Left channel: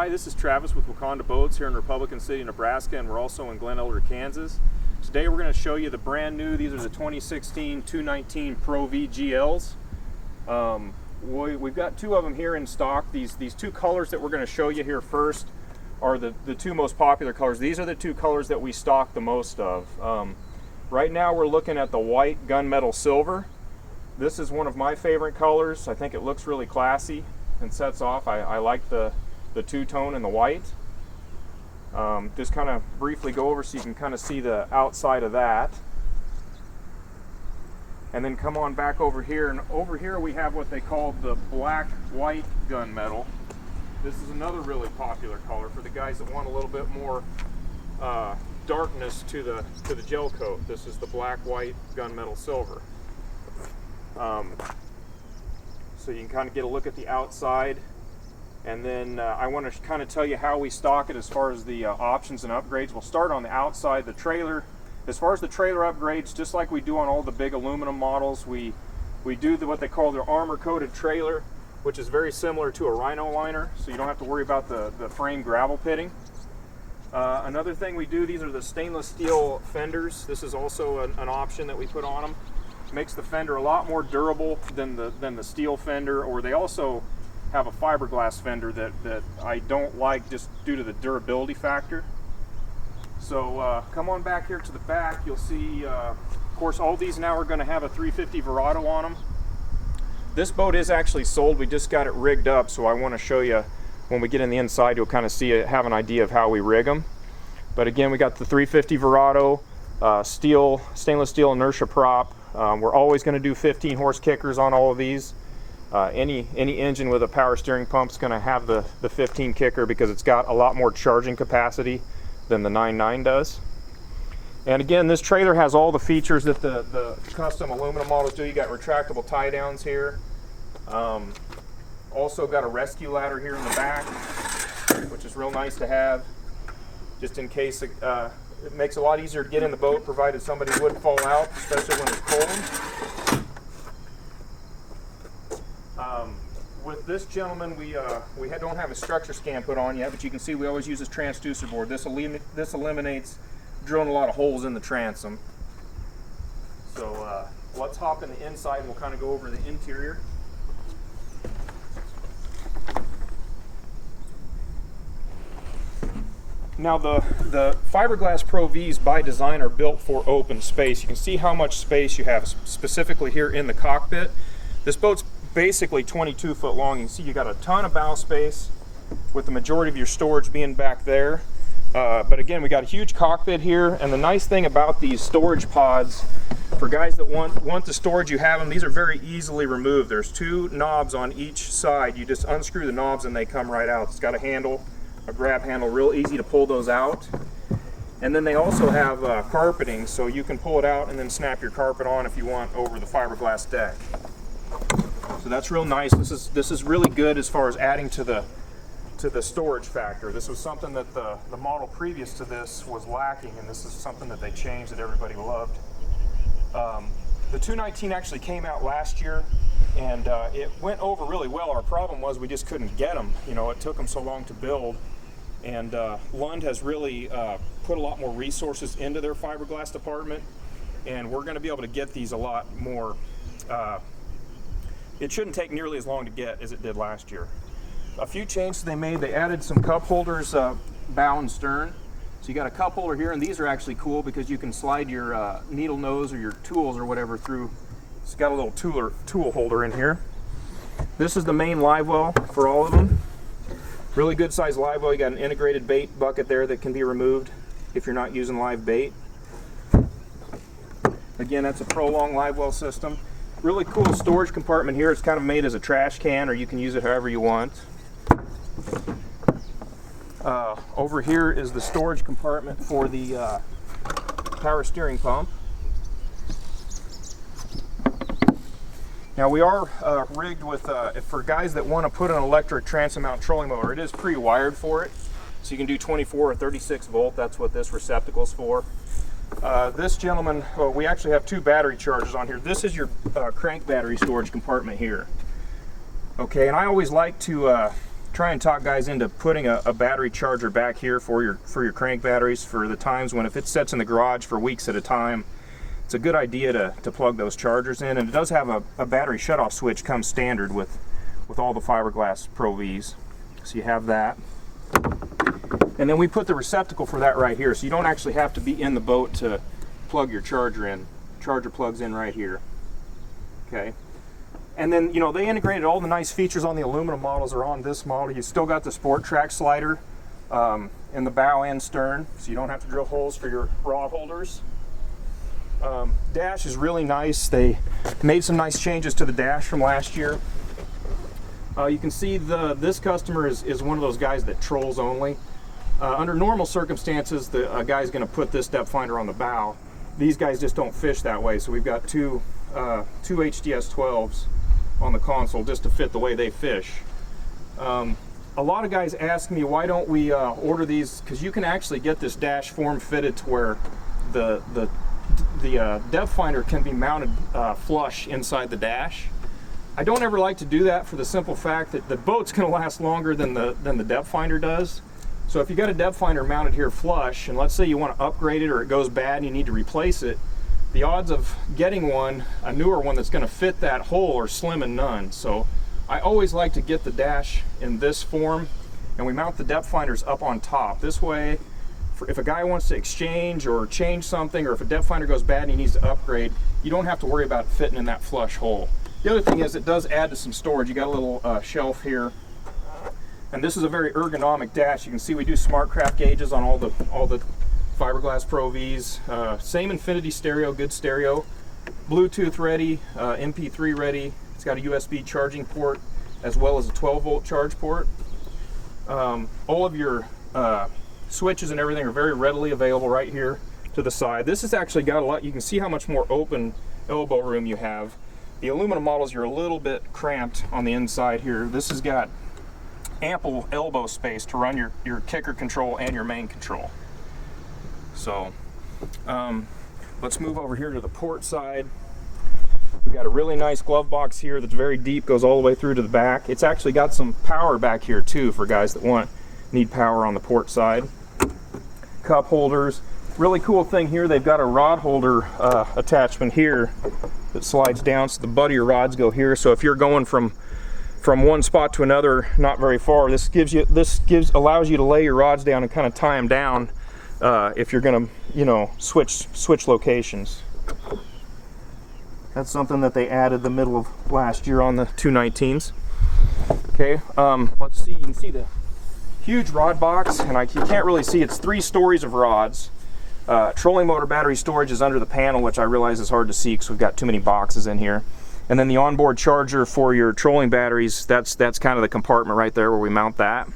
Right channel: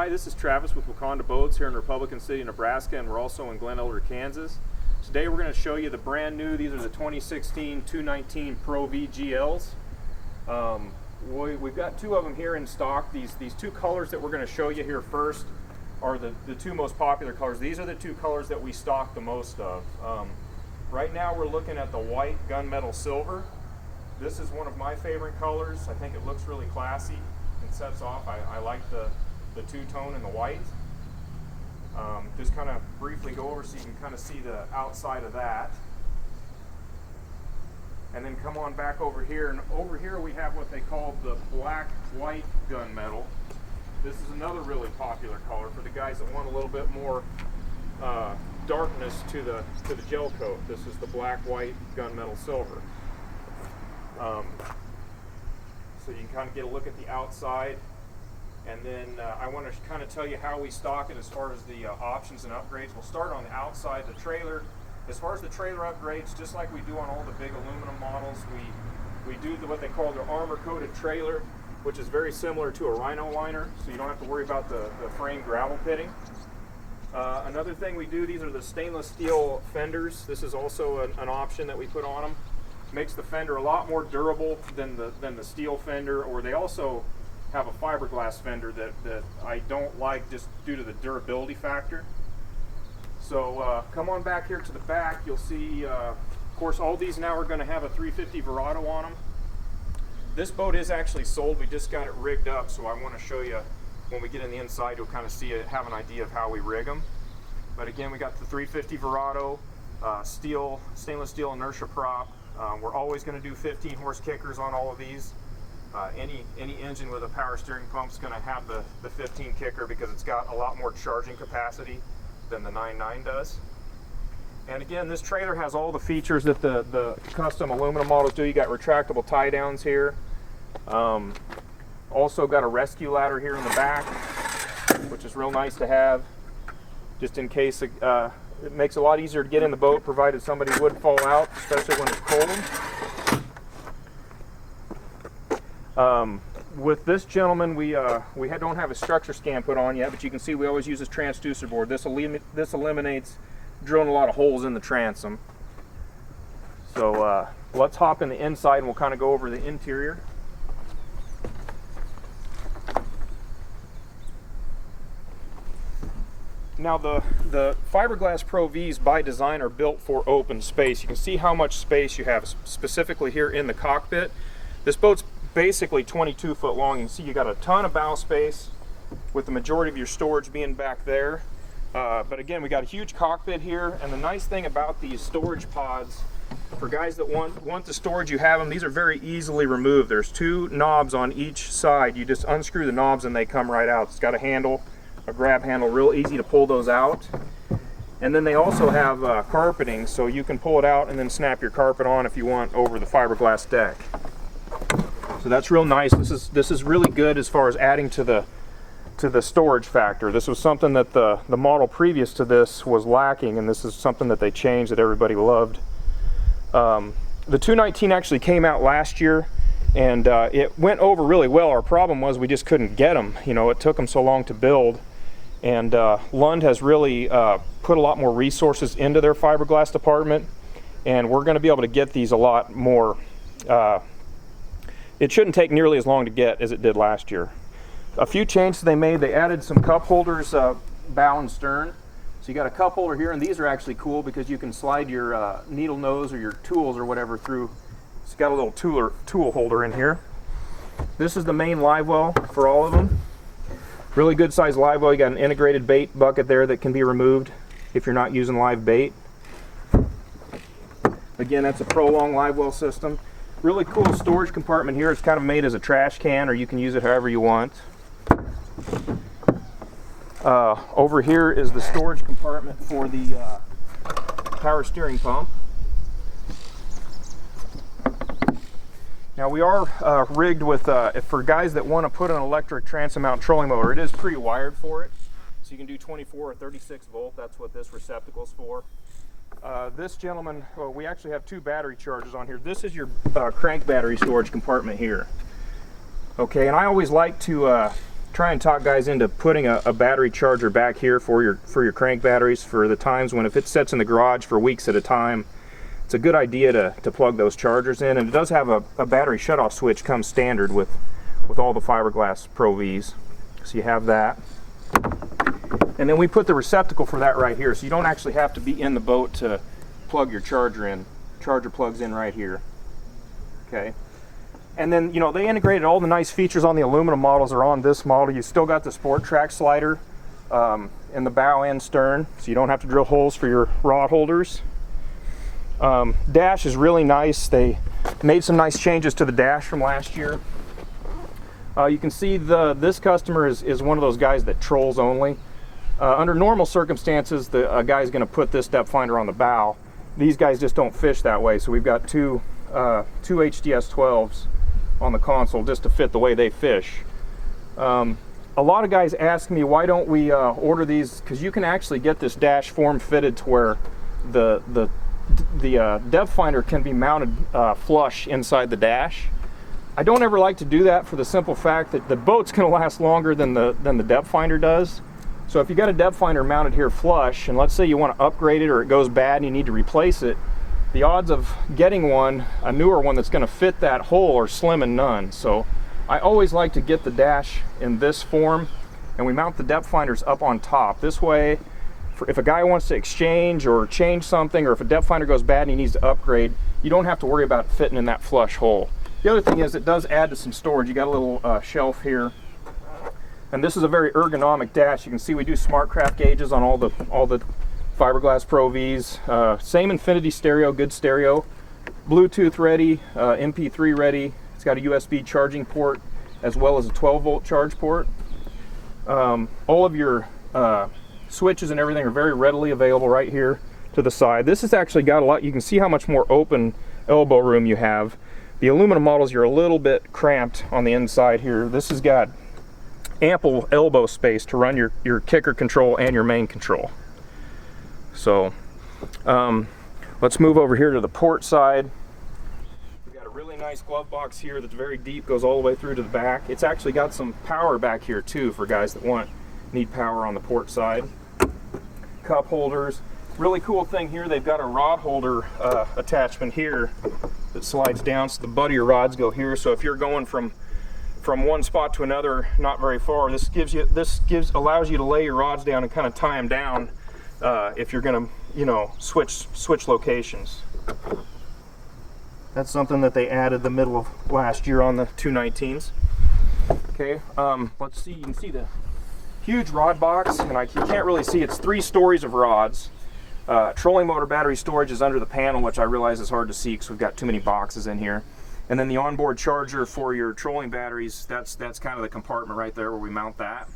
Hi, this is Travis with Waconda Boats here in Republican City, Nebraska, and we're also in Glen Elder, Kansas. Today we're going to show you the brand new, these are the 2016 219 Pro V GLs. We've got two of them here in stock. These two colors that we're going to show you here first are the two most popular colors. These are the two colors that we stock the most of. Right now we're looking at the white gunmetal silver. This is one of my favorite colors. I think it looks really classy and sets off. I like the two-tone and the white. Just kind of briefly go over so you can kind of see the outside of that. And then come on back over here, and over here we have what they call the black-white gunmetal. This is another really popular color for the guys that want a little bit more darkness to the gel coat. This is the black-white gunmetal silver. So you can kind of get a look at the outside. And then I want to kind of tell you how we stock it as far as the options and upgrades. We'll start on the outside, the trailer. As far as the trailer upgrades, just like we do on all the big aluminum models, we do what they call the armor-coated trailer, which is very similar to a Rhino liner, so you don't have to worry about the frame gravel pitting. Another thing we do, these are the stainless steel fenders. This is also an option that we put on them. Makes the fender a lot more durable than the steel fender, or they also have a fiberglass fender that I don't like just due to the durability factor. So come on back here to the back. You'll see, of course, all these now are going to have a 350 Verado on them. This boat is actually sold. We just got it rigged up, so I want to show you when we get in the inside. You'll kind of see it, have an idea of how we rig them. But again, we got the 350 Verado, stainless steel inertia prop. We're always going to do 15 horse kickers on all of these. Any engine with a power steering pump is going to have the 15 kicker because it's got a lot more charging capacity than the 9.9 does. And again, this trailer has all the features that the custom aluminum models do. You got retractable tie downs here. Also got a rescue ladder here in the back, which is real nice to have, just in case it makes it a lot easier to get in the boat, provided somebody would fall out, especially when it's cold. With this gentleman, we don't have a structure scan put on yet, but you can see we always use this transducer board. This eliminates drilling a lot of holes in the transom. So let's hop in the inside and we'll kind of go over the interior. Now the fiberglass Pro Vs by design are built for open space. You can see how much space you have specifically here in the cockpit. This boat's basically 22 foot long. You can see you got a ton of bow space with the majority of your storage being back there. But again, we got a huge cockpit here, and the nice thing about these storage pods, for guys that want the storage, you have them. These are very easily removed. There's two knobs on each side. You just unscrew the knobs and they come right out. It's got a handle, a grab handle, real easy to pull those out. And then they also have carpeting, so you can pull it out and then snap your carpet on if you want over the fiberglass deck. So that's real nice. This is really good as far as adding to the storage factor. This was something that the model previous to this was lacking, and this is something that they changed that everybody loved. The 219 actually came out last year, and it went over really well. Our problem was we just couldn't get them. You know, it took them so long to build, and Lund has really put a lot more resources into their fiberglass department, and we're going to be able to get these a lot more. It shouldn't take nearly as long to get as it did last year. A few changes they made, they added some cup holders bow and stern. So you got a cup holder here, and these are actually cool because you can slide your needle nose or your tools or whatever through. It's got a little tool holder in here. This is the main live well for all of them. Really good size live well. You got an integrated bait bucket there that can be removed if you're not using live bait. Again, that's a Prolong live well system. Really cool storage compartment here. It's kind of made as a trash can, or you can use it however you want. Over here is the storage compartment for the power steering pump. Now we are rigged with, for guys that want to put an electric transom mount trolling motor, it is pre-wired for it. So you can do 24 or 36 volt, that's what this receptacle is for. This gentleman, we actually have two battery chargers on here. This is your crank battery storage compartment here. Okay, and I always like to try and talk guys into putting a battery charger back here for your crank batteries for the times when if it sits in the garage for weeks at a time. It's a good idea to plug those chargers in, and it does have a battery shutoff switch comes standard with all the fiberglass Pro Vs. So you have that. And then we put the receptacle for that right here, so you don't actually have to be in the boat to plug your charger in. Charger plugs in right here. Okay. And then, you know, they integrated all the nice features on the aluminum models are on this model. You still got the Sport Track slider in the bow and stern, so you don't have to drill holes for your rod holders. Dash is really nice. They made some nice changes to the dash from last year. You can see this customer is one of those guys that trolls only. Under normal circumstances, a guy's going to put this depth finder on the bow. These guys just don't fish that way, so we've got two HDS 12s on the console just to fit the way they fish. A lot of guys ask me, why don't we order these, because you can actually get this dash form fitted to where the depth finder can be mounted flush inside the dash. I don't ever like to do that for the simple fact that the boat's going to last longer than the depth finder does. So if you got a depth finder mounted here flush, and let's say you want to upgrade it or it goes bad and you need to replace it, the odds of getting a newer one that's going to fit that hole are slim and none. So I always like to get the dash in this form, and we mount the depth finders up on top. This way, if a guy wants to exchange or change something, or if a depth finder goes bad and he needs to upgrade, you don't have to worry about fitting in that flush hole. The other thing is it does add to some storage. You got a little shelf here, and this is a very ergonomic dash. You can see we do SmartCraft gauges on all the fiberglass Pro Vs. Same infinity stereo, good stereo, Bluetooth ready, MP3 ready. It's got a USB charging port as well as a 12-volt charge port. All of your switches and everything are very readily available right here to the side. This has actually got a lot. You can see how much more open elbow room you have. The aluminum models, you're a little bit cramped on the inside here. This has got ample elbow space to run your kicker control and your main control. So let's move over here to the port side. We've got a really nice glove box here that's very deep, goes all the way through to the back. It's actually got some power back here too for guys that need power on the port side. Cup holders. Really cool thing here, they've got a rod holder attachment here that slides down, so the butt of your rods go here. So if you're going from one spot to another, not very far, this allows you to lay your rods down and kind of tie them down if you're going to, you know, switch locations. That's something that they added the middle of last year on the 219s. Okay, let's see. You can see the huge rod box, and you can't really see. It's 3 stories of rods. Trolling motor battery storage is under the panel, which I realize is hard to see because we've got too many boxes in here. And then the onboard charger for your trolling batteries, that's kind of the compartment right there where we mount that.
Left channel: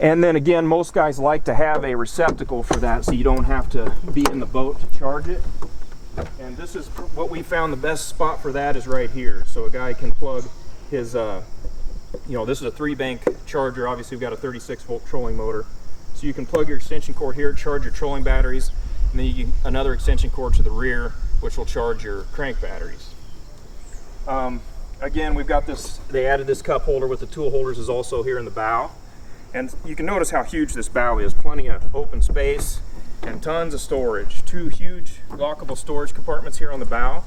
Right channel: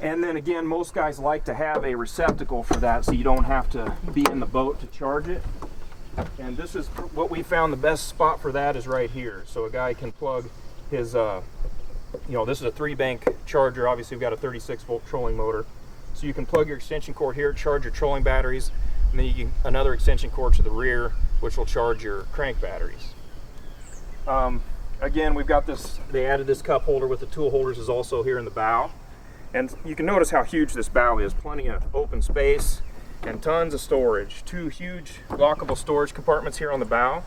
And then again, most guys like to have a receptacle for that so you don't have to be in the boat to charge it. And this is what we found the best spot for that is right here. So a guy can plug his, you know, this is a 3-bank charger. Obviously we've got a 36-volt trolling motor. So you can plug your extension cord here, charge your trolling batteries, and then you can another extension cord to the rear, which will charge your crank batteries. Again, we've got this, they added this cup holder with the tool holders is also here in the bow. And you can notice how huge this bow is, plenty of open space and tons of storage. 2 huge lockable storage compartments here on the bow.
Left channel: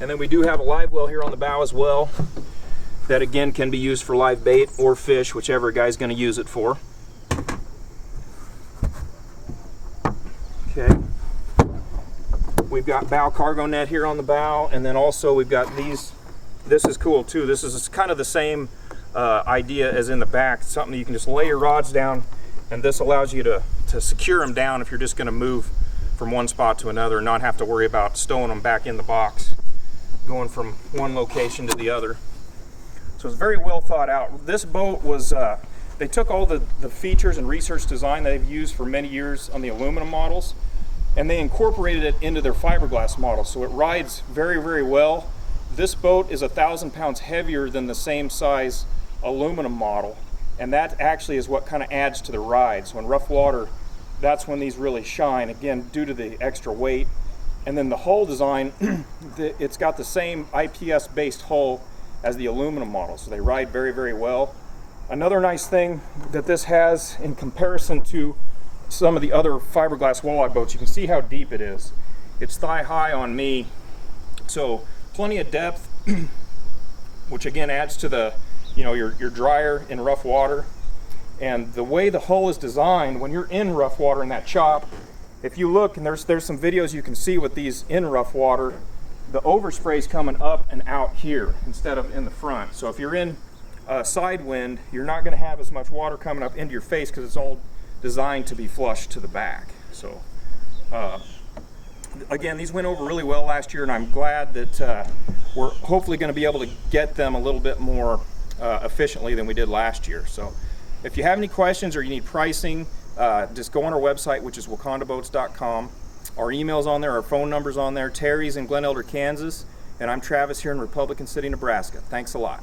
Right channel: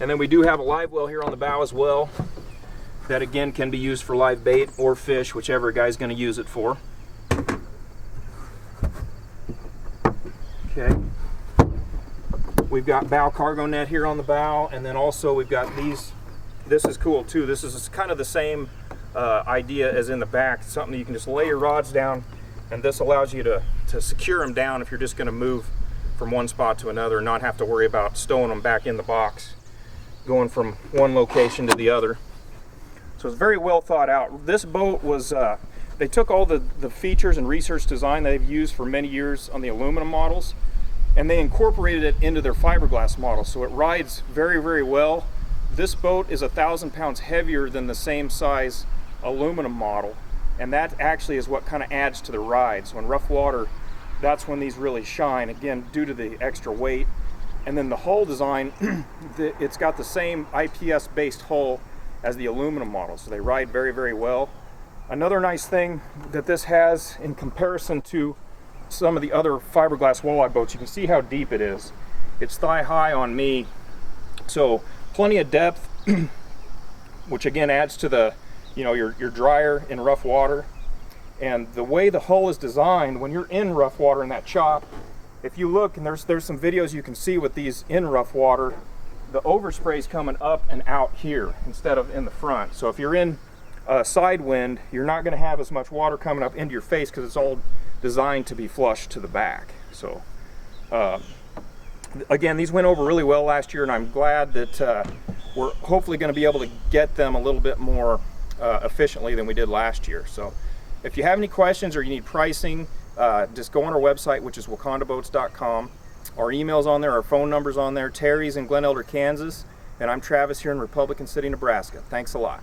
And then we do have a live well here on the bow as well. That again can be used for live bait or fish, whichever guy's going to use it for. Okay. We've got bow cargo net here on the bow, and then also we've got these. This is cool too. This is kind of the same idea as in the back. It's something that you can just lay your rods down, and this allows you to secure them down if you're just going to move from one spot to another and not have to worry about stowing them back in the box, going from one location to the other. So it's very well thought out. This boat was, they took all the features and research design they've used for many years on the aluminum models, and they incorporated it into their fiberglass model. So it rides very, very well. This boat is 1,000 pounds heavier than the same size aluminum model, and that actually is what kind of adds to the ride. So in rough water, that's when these really shine, again, due to the extra weight. And then the hull design, it's got the same IPS based hull as the aluminum model, so they ride very, very well. Another nice thing that this has in comparison to some of the other fiberglass walleye boats, you can see how deep it is. It's thigh high on me, so plenty of depth, which again adds to the, you know, you're drier in rough water. And the way the hull is designed, when you're in rough water in that chop, if you look, and there's some videos you can see with these in rough water, the overspray is coming up and out here instead of in the front. So if you're in side wind, you're not going to have as much water coming up into your face because it's all designed to be flush to the back. So again, these went over really well last year, and I'm glad that we're hopefully going to be able to get them a little bit more efficiently than we did last year. So if you have any questions or you need pricing, just go on our website, which is wacondaboats.com. Our email's on there, our phone number's on there. Terry's in Glen Elder, Kansas, and I'm Travis here in Republican City, Nebraska. Thanks a lot.